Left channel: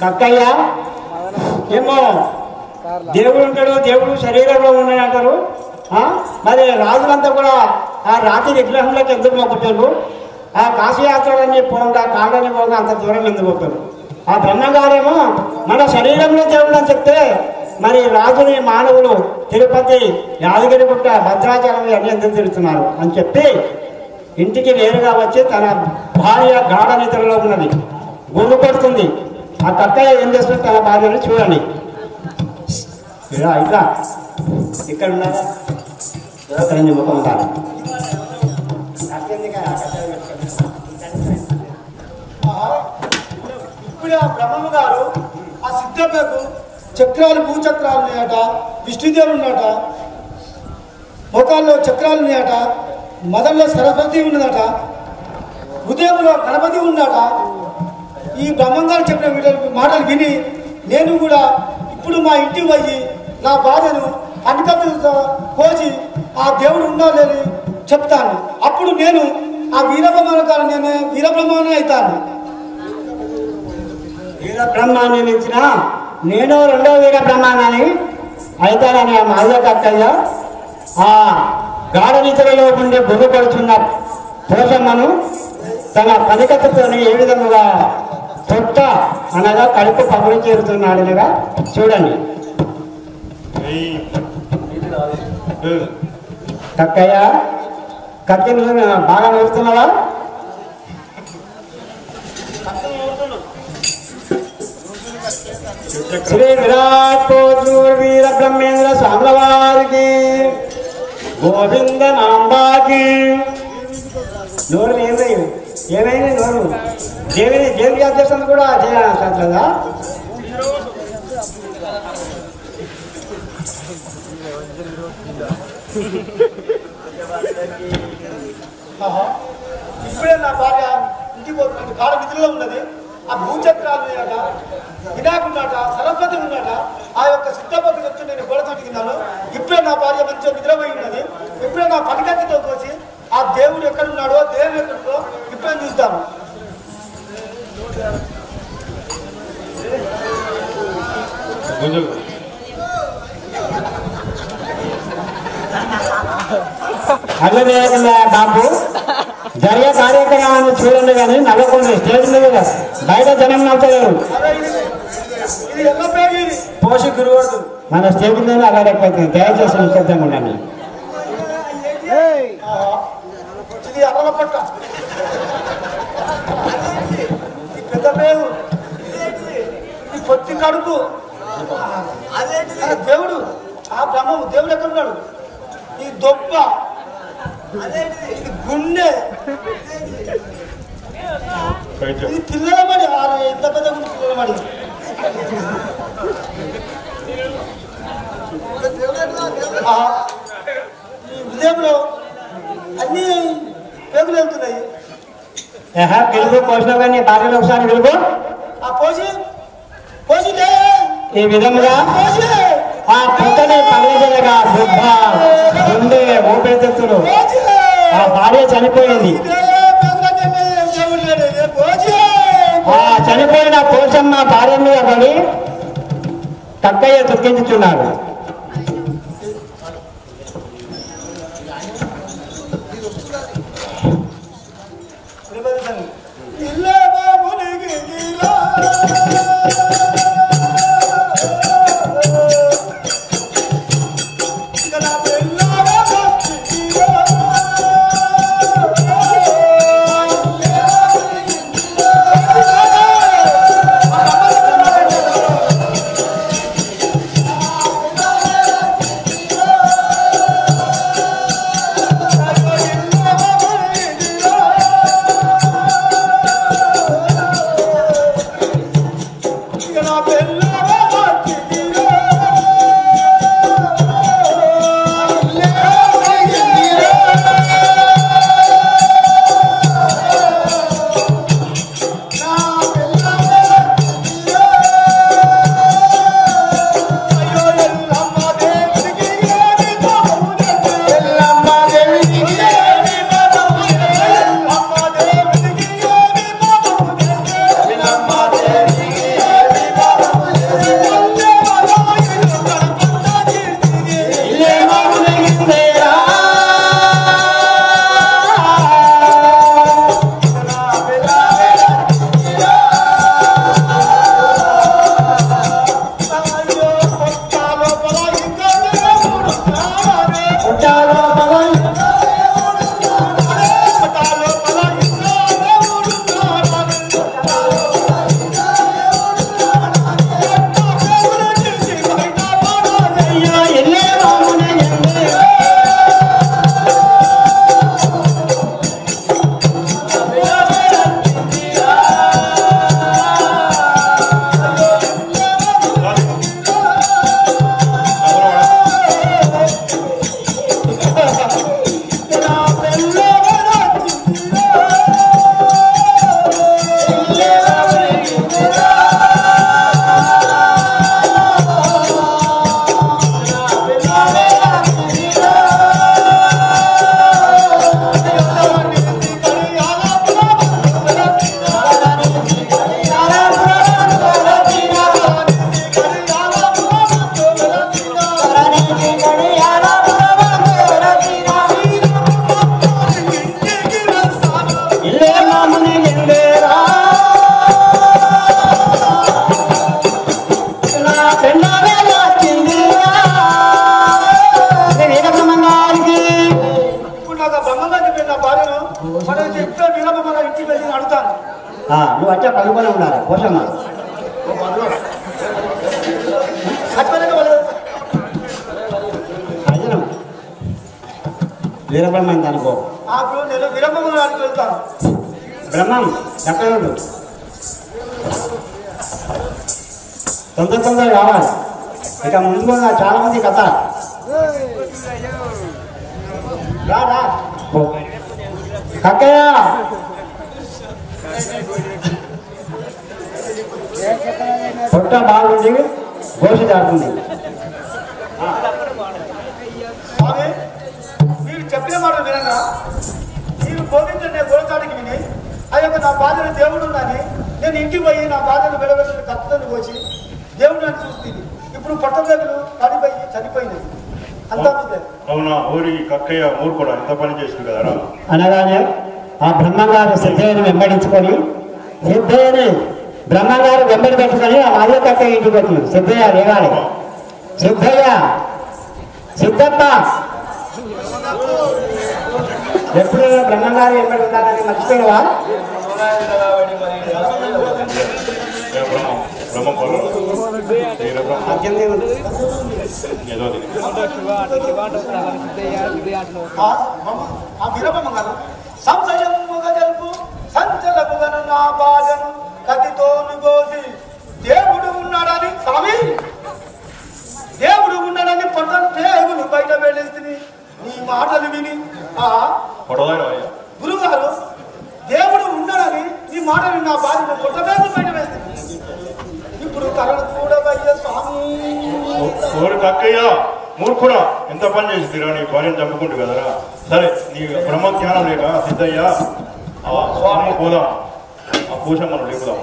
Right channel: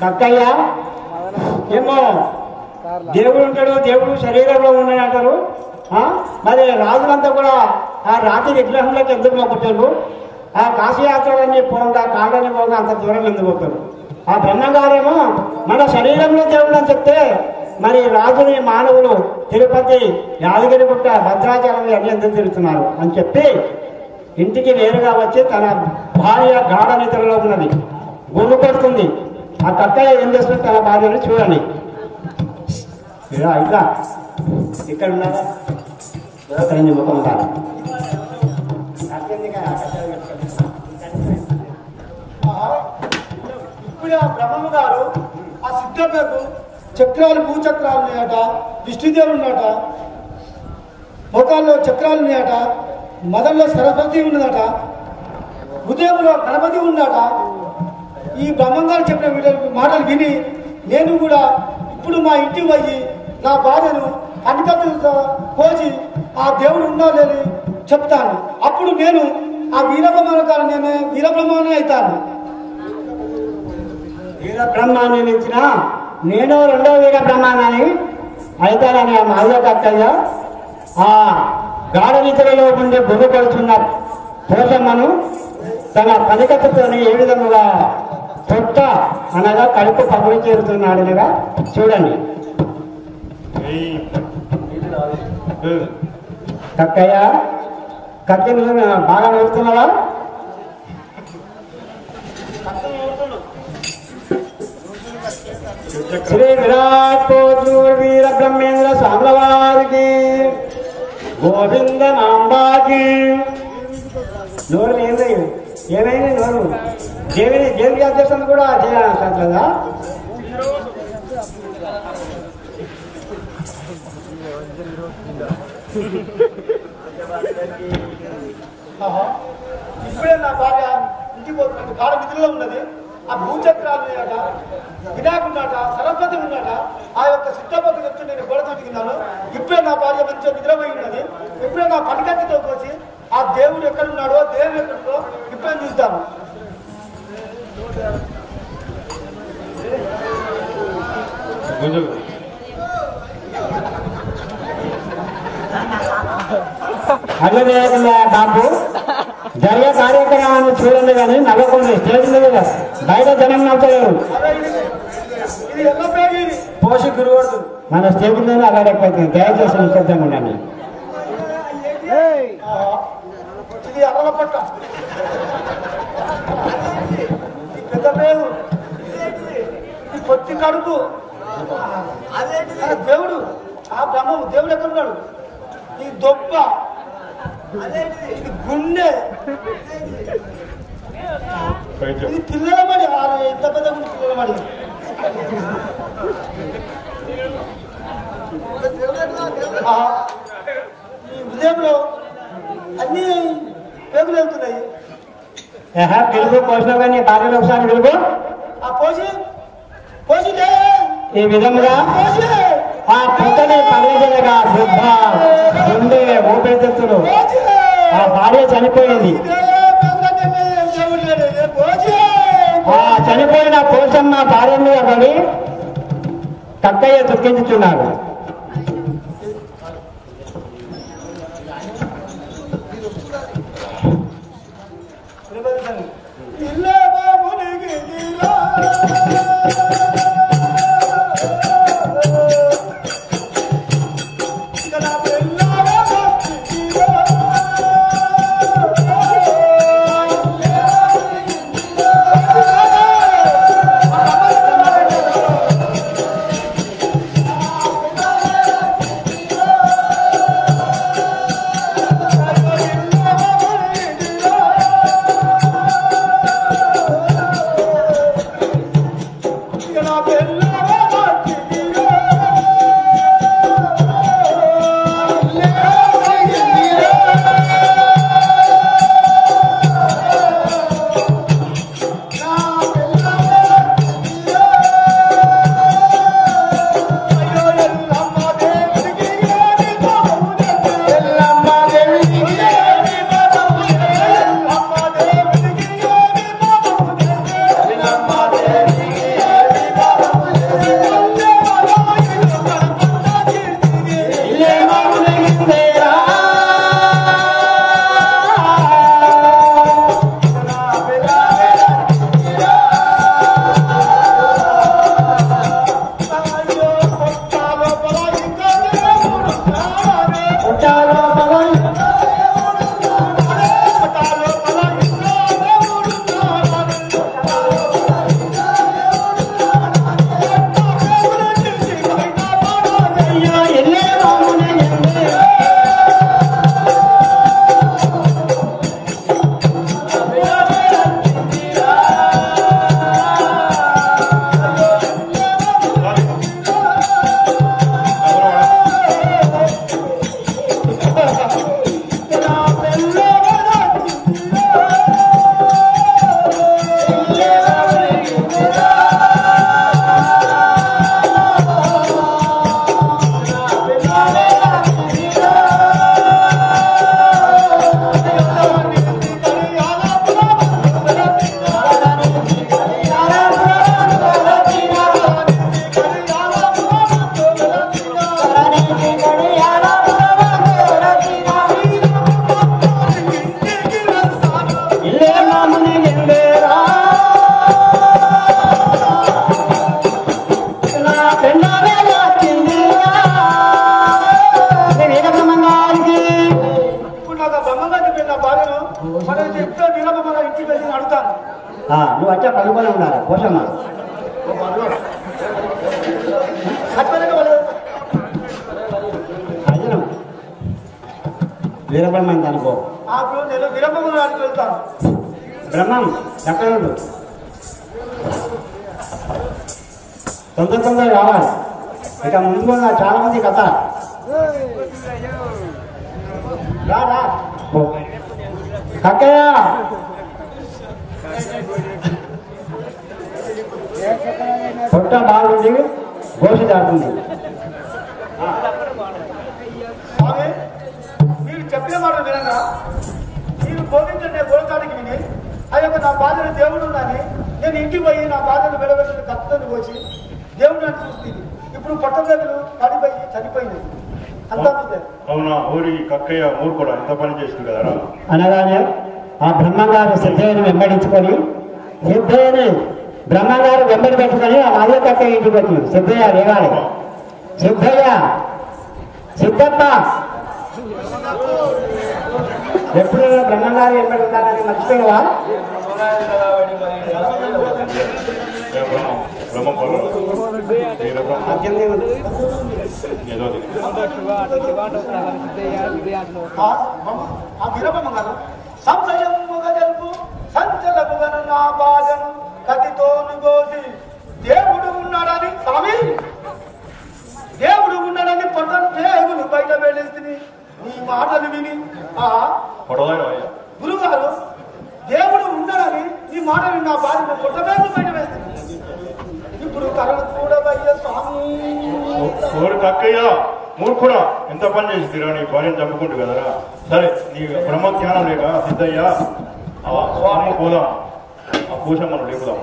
కక్కయ్య ఏమో దేవుడు ఉంటాడు, దేవుడు శరీరంలో ఉన్నాడు అంటారు. మరి రాజులంతా కూడా ఆ రాతి విగ్రహంలోకి ఎందుకు మొక్కుతారు? ఆ కాశీయాత్రలని పోగా కాళ్ళని పోగా అంత దూరం ఎందుకు పోతారు? ఆ బ్రహ్మగారేమో మన శరీరంలో దేవుడు అని చెప్తే మరి రాజుని మానవులు తిరుపతి, యాదగిరిగుట్ట, భద్రాచలం అన్ని ఎందుకు తిరుగుతున్నారు అని చెప్పి ఇంటికి నేరుగా వచ్చి తన భార్య గాఢ నిద్రలో ఉన్నది, గుర్రు పడుతుంది. ఆ కక్కయ్య ఏం చేస్తుంది? తన భార్యను చూడండి. ఇట్లా ఇక్కడ ఉన్నారా ముఖం కాదు. ఇప్పుడు ఆ బ్రహ్మము గారు ఆ సిద్ధకు చక్రాలు, భూచక్రాలు ఉన్నాయట, విష్ణుదేవుడు ఉన్నాట, మోకాల్లో చక్రాలు ఉన్నాయట, మదల్లో సరస్వతి ఉన్నదట, హృదయంలో గణపతి ఉన్నాట. ఈ బ్రహ్మంగారు చెప్పిన మాటలు విని నేను కూడా ఇప్పుడు మా ఇంటికి పోయి నా బాధను అనికతో కోసి ఆ దేవుడు ఉండాలని చెప్తాను. అప్పుడు నేను ఆ వీరబ్రహ్మాను నేను వీరబ్రహ్మాన్ని అవుతాను. వీరబ్రహ్మాన్ని మించిన నేను రెండో వీరబ్రహ్మాన్ని అవుతానని ఆ మాధవ కక్కయ్య ఆ గాఢ నిద్రలో ఉండి బుర్రపడుచున్న పోషమ్మను తన పనికత్తుతో ఏ విధముగా తొట్ట అనగా కడుపు పగులు చేరుతున్నాడు అనగా చూడండి. కక్కయ్య కత్తి బాగా నడుస్తున్నావా? శ్రీ విరాట్ కోట్లూరు వీర బ్రహ్మేంద్ర స్వాముల వారికి, గోవింద నాంబాకి. నోరు ఏమైంది నోరు? దేవుడి అధ్యక్షత కూడా చేయాలంటదా? ఇప్పుడే నా భార్య ఇంటికి పోతున్నది, కాళ్ళ నిధుల్లో ఉన్నది. ఆ భూచక్రాలు ఉన్నాయట, వినాయకుడున్నాట, సరస్వతి ఉన్నాట. ఆ యొక్క సిద్ధపతి వచ్చి నేను గోడ తొట్టుకున్నాను. ఇప్పుడే నా భార్య మంచిగా నిద్రపోయి ఉన్నది. ఇప్పుడే నా పనికత్తితో కోసి ఆ దేవుడు ఎక్కడున్నాడో, దేవుడు ఎక్కడుందో ఇప్పుడే చూస్తాను. అల్లే బాబు జరిగే కార్యక్రమాన్ని చూడండి కానీ నవ్వకండి. స్టేజ్ మీద బయట జనం నవ్వుతారు. పోషకుడు మన స్టేజ్ మీద అల్లరైపోతుంది. దయచేసి నిశ్శబ్దంగా ఉండండి. ఇది అల్లల పట్ట, పెద్ద పేరు, ఈ పొత్తి కడుపు దేవుడు. ఆ బ్రహ్మము దేవుడు ఎక్కడ ఉన్నాడు? ఈ దొప్ప, ఇది గుండె, ఇది పిల్లల మడి. ఎంత పెద్ద గుండె పిల్లల మడి. ఈ హృదయంలో అన్ని పేగులు వెళ్తున్నాయి. పిలుపు పోషణ కానీ భార్యలు ఒకసారి పిలుపు. ఆ పోసి పోసి ఈ విధముగా ఆ పుట్టని పగలజలగా బుద్ధ, గుండె, ఊపిరితిత్తులు ఆ భార్య చనిపోయింది. ఆ చనిపోయిన పోషమ్మ భార్య మీద పడి కక్కయ్య దుఃఖించుచున్నాడు. నాకు బ్రహ్మంగా చెప్పిన నా భార్యను మనం చెప్తే వినమ మన ఇంటికి వెళ్ళి అడుగుతాను. నువ్వు వచ్చా పడుకొని ఉన్నారా పోషమ్మ వీరబ్రహ్మం అనుకో నేను విరమడానికి వెళ్తాను. బ్రహ్మం ఎక్కడ తొందర రావాలి. ఇక ముందు చాలా మంది కథ రా కక్కయ్య పొట్ట బాగుంది గోసి దాటుతుంది. స్వామి మీరు చెప్పిన మాట వినగా మీరు బోధించండి గోడచాడికి విని ఆ యొక్క నా బాధను దేవుడు ఉందని నేను ఇంటికి పోయి నా బాధను వెడబెట్టి కత్తను పోసి దేవుడు నన్ను చూస్తుంది. ఇప్పుడు పట్టదగలు పడిపోయి చనిపోయింది. అంతా అవునా ఊరి కక్కయ్య ఊరు కూడా ఎంత పని చేసింది కదరా అనగానే ఆ బ్రహ్మంగారు సిద్ధయ్యను వెంబడించుకొని సిద్ధయ్యని బ్రహ్మంగారు వెంబడి పెట్టుకొని ఆ మాదే కక్కయ్య ఇంటికి వచ్చింది. సిద్ధయ్య లేవాలి. సిద్ధయ్య సిద్ధప్ప ఎప్పుడైనా బ్రహ్మంగారు వెంబడి ఉంటారని మర్చిపోయావా? ఆ విరమగారు సంశయముగా జరుపు సంచలముగను నా బాధను కతితోను కోసి దేవుడు ఉన్నాడని స్వామి దేవుడు ఉన్నాడని పొట్టను దేవుడు బయట వెళ్ళేస్తుంది. నీ మాటలు విని గురుగారు దేవుడు ఉన్నాడని నీ మాటలు నా బాధను పొట్టవేలు బయట వేస్తుంది. ఇప్పుడు కరణ కూడా అయ్యే స్వామి ఊరు కక్కయ్య మూర్ఖుడా ఎంత పని చేసింది నీ భార్యను చంపుకుంటు కదరా. సరే నీ బ్రహ్మ జ్ఞానం లేక సిద్ధయ్య స్వామి పోదాం ఆ పూషమ్మను లేపుదాం.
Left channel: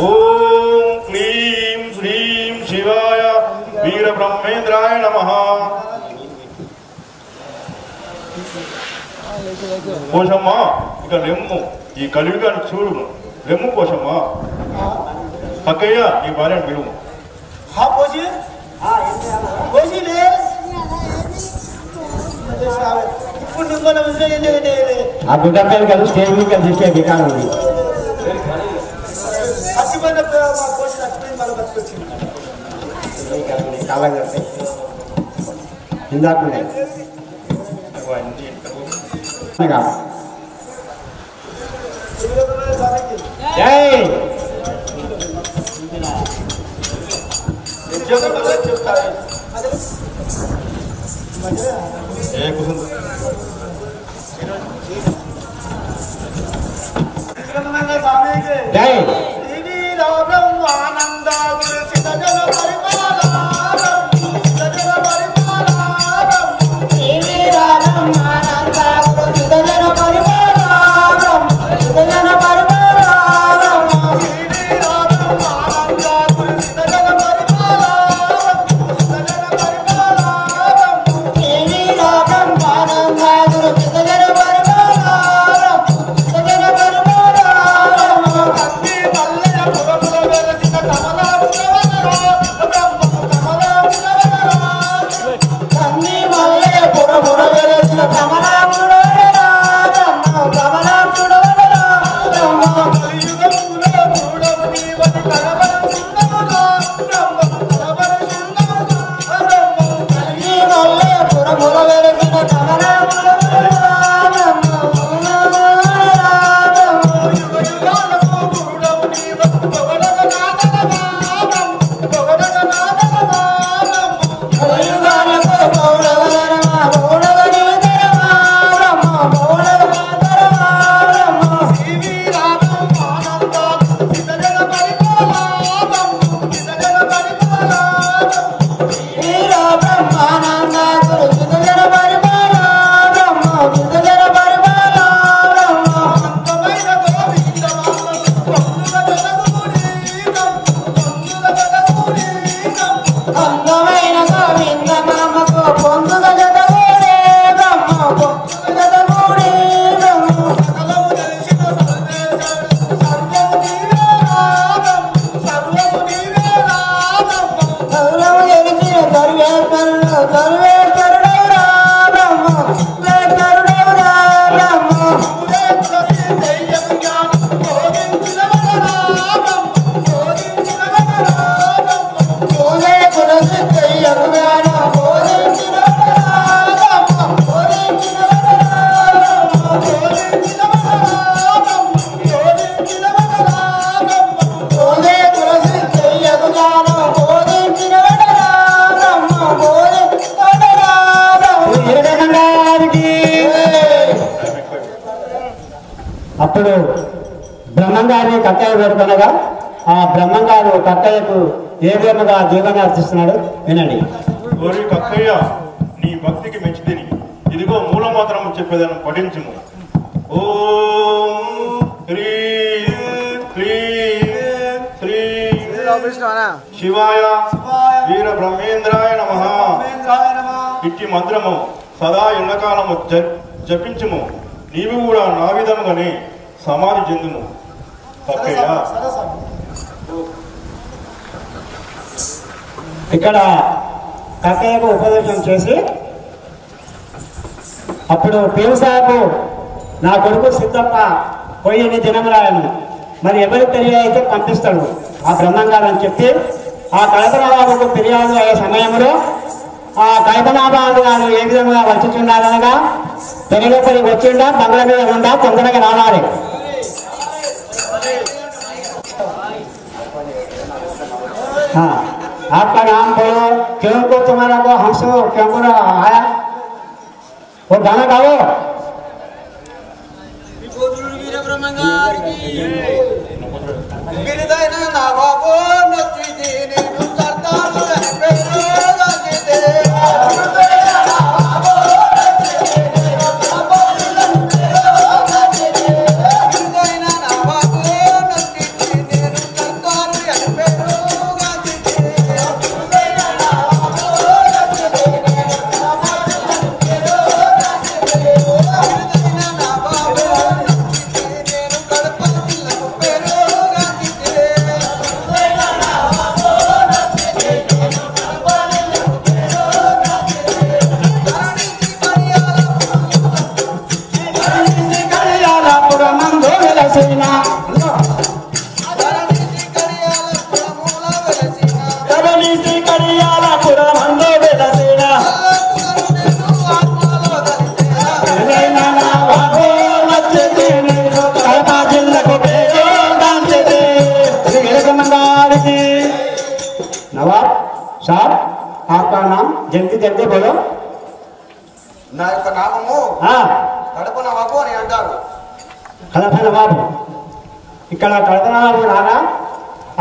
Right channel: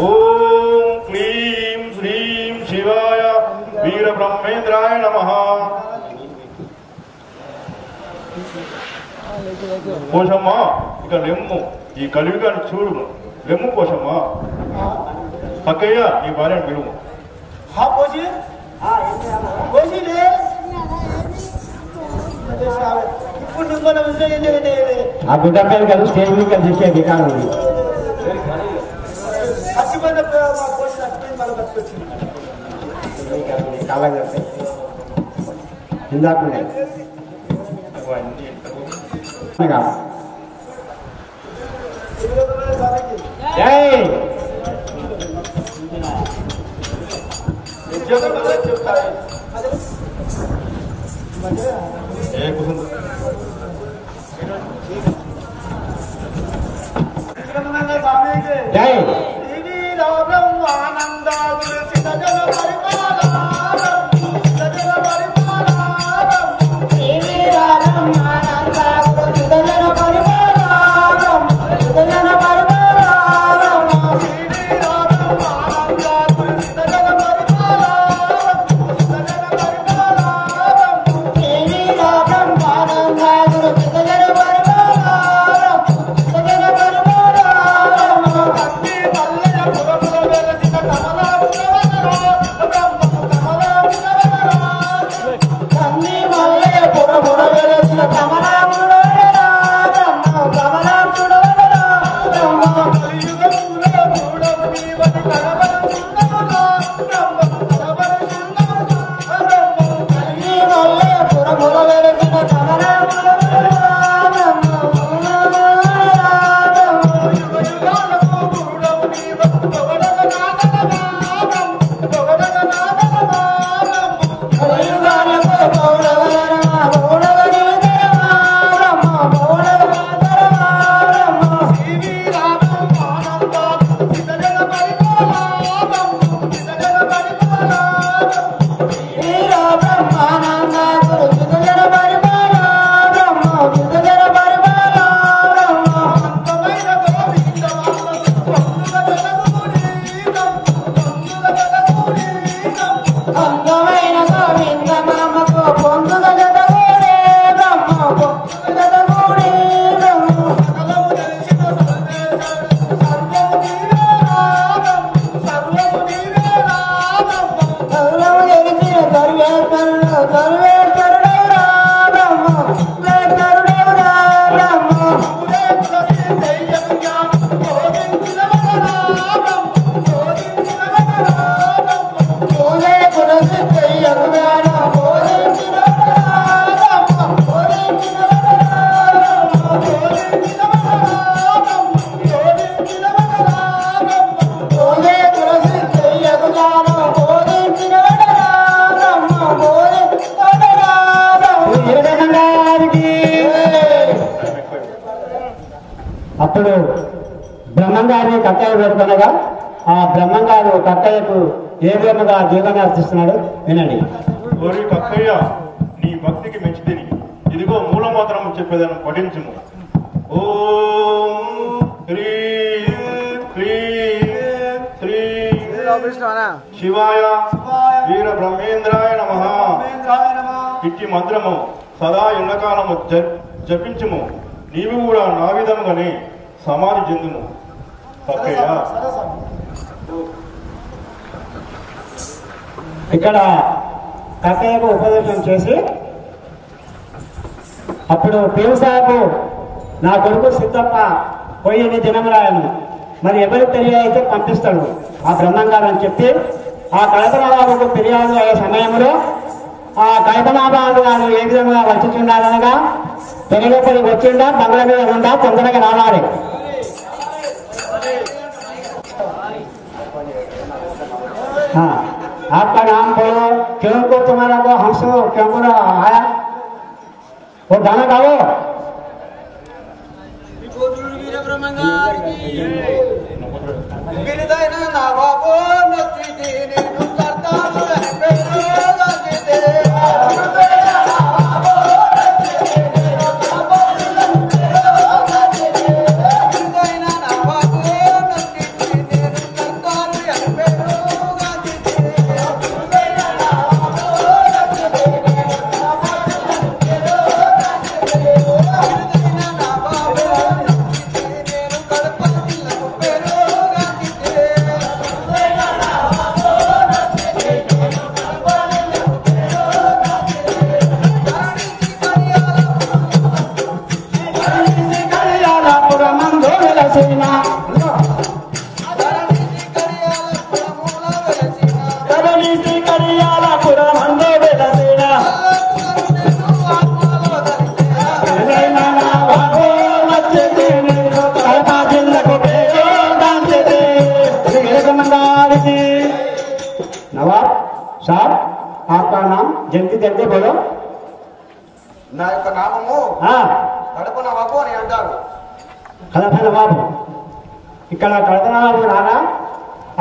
ఓం క్లీం శ్రీం శివాయ వీర బ్రహ్మేంద్రాయ నమః. పోషమ్మ ఇక లెమ్ము ఈ కలియుగానికి చూడు లెమ్ము పోషమ్మ. కక్కయ్య నీ భార్యను పిలువు. ఆ గుడ్డపైన కలిసి స్టేజ్ మీద చూసే వికారం ఉంది. ఇందాక Bye. వీరబ్రహ్మంగారికి. అప్పుడు బ్రహ్మంగారిని కక్కయ్య పేర్కొనగా ఆ బ్రహ్మంగారు కక్కయ్యకు ఏ విధముగా జీవన అర్చిస్తున్నాడు వినండి. ఓరి కక్కయ్య, నీ భక్తికి మెచ్చితిని. ఇదిగో మూలమంత్రం చెప్పేదాన్ని పఠించుము. ఓం హ్రీం క్లీం శ్రీం శివాయ వీర బ్రహ్మేంద్రాయ నమః. ఇట్టి మంత్రము సదా ఎండకాలము జపించుము. నీవు కూడా నా విధముగానే సమాధి చెందుము కక్కయ్య. ఇక్కడ కక్కయ్యకు ఉపదేశం చేసి అప్పుడు పీరు సాహెబ్ నా కొడుకు సిద్ధప్ప పోయి ఎన్ని దినమురాయను మరి ఎవరికి తెలియైతే పంపిస్తాడు ఆ బ్రహ్మంగారు అని చెప్పి ఆ కైతనాబాబుకు ఫిర్యాదు అయ్యే సమయంలో ఆ కైతనాబాబు గారు ఏ విధంగా వచ్చుచున్నారనగా పెరిగేపరికి వచ్చిండా బంగ్లా మీద ఉండా తొందరగా రావాలి. आपका नाम बोलो, क्यों को तुम्हारा को हंसो, क्यों को आया वो गाना गाओ. नवाब साहब, आपका नाम जल्दी जल्दी बोलो. నా యొక్క నామము కడప నవాబు అని అంటారు. కడప నవాబు. ఇక్కడ కడప నవాబు రాగా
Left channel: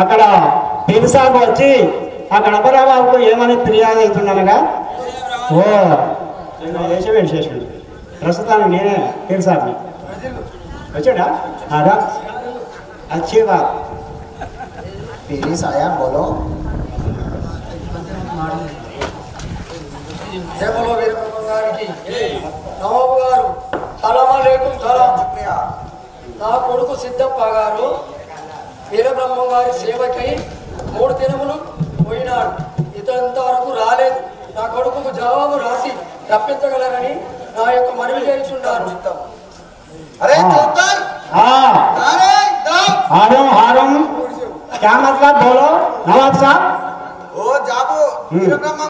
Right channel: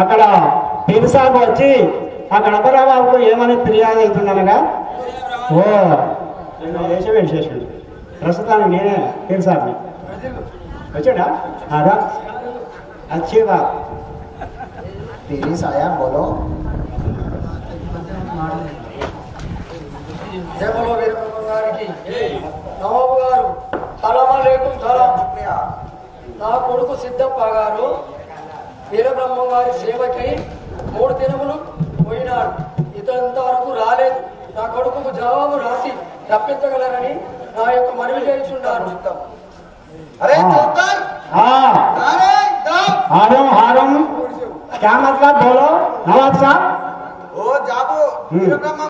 అక్కడ పీరు సాహెబ్ వచ్చి ఆ కడప నవాబుకు ఏమని ఫిర్యాదు అవుతున్నానగా ఓ వేసేసాడు. ప్రస్తుతానికి నేనే పీరు సాహెబ్ని వచ్చాడా రా अच्छी बात. పీరి సాయబ్ బోలో. జయమలో వీరబ్రహ్మ గారికి నవాబు గారు సలామలేకుం సలాం. నా కొడుకు సిద్ధప్ప గారు వీరబ్రహ్మ గారి సేవకై 3 దినములు పోయినాడు. ఇంతవరకు రాలేదు. నా కొడుకు జవాబు రాసి రప్పించగలరని నా యొక్క మనవి చేస్తున్నారు. అరే చౌకర్, అరే हारम हारम क्या मतलब बोलो नवाब साहब. ఓ జాబు వీరబ్రహ్మ